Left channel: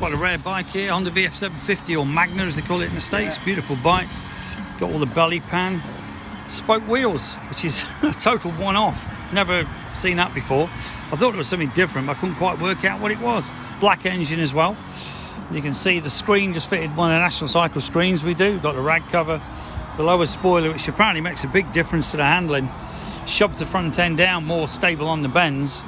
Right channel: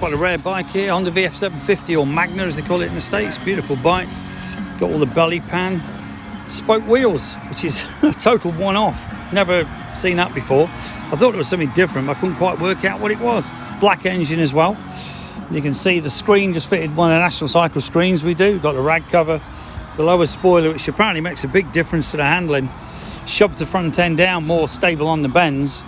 Quite a rare bike here, Honda VF750 or Magna as they call it in the States. Beautiful bike. Got all the belly pan, spoke wheels, which is a total one-off. Never seen that before. I thought it was something different, but I couldn't quite work out what it was. Black engine as well. You can see the screen just fitted one of the National Cycle screens we do. Got the rag cover, the lower spoiler, which apparently makes a big difference to the handling. Shoves the front end down, more stable on the bends.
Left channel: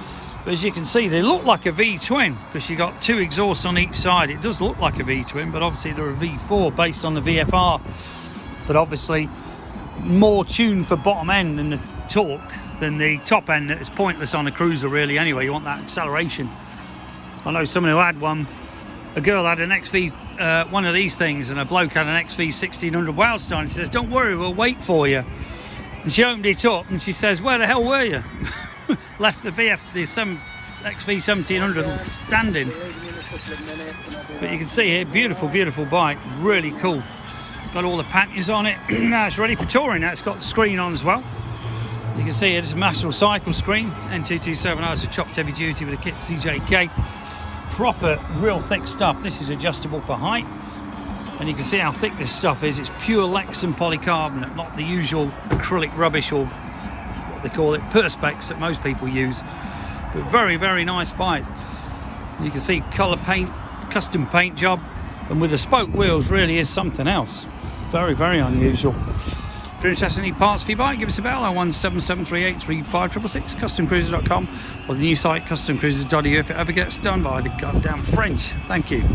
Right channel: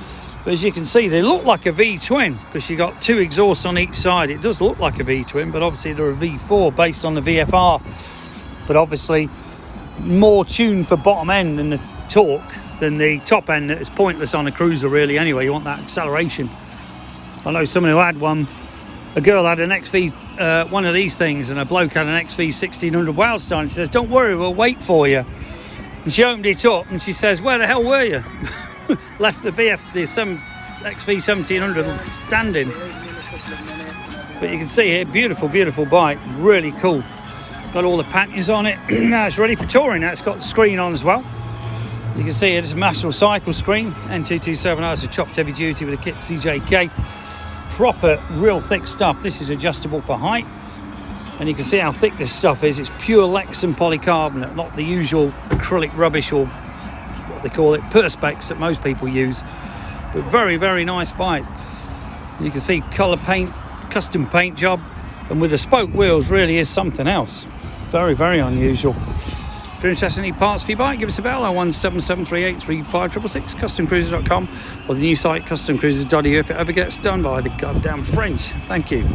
But as you can see, they look like a V-twin because you got two exhausts on each side. It does look like a V-twin, but obviously they're a V4 based on the VFR. But obviously more tuned for bottom end than the torque than the top end. That is pointless on a cruiser really anyway. You want that acceleration. I know someone who had one. A girl had an XV, one of these things, and a bloke had an XV 1600 Wildstone. She says, "Don't worry, we'll wait for you." And she opened it up and she says, "Where the hell were you?" Left the XV 1700 standing. But you can see here, beautiful, beautiful bike, really cool. Got all the panniers on it. Now it's ready for touring. Now it's got the screen on as well. You can see here, it's a National Cycle screen, N227, it's a chopped heavy duty with a kit CJK. Proper, real thick stuff. This is adjustable for height. And you can see how thick this stuff is. It's pure Lexan polycarbonate, not the usual acrylic rubbish or what they call it, perspex that most people use. But very, very nice bike. You can see colour paint, custom paint job, and with the spoke wheels really is something else. Very, very unusual. If you're interested in any parts for your bike, give us a bell, 01773835666, customcruisers.com, or the new site customcruisers.eu if it ever gets done by the goddamn French. Thank you.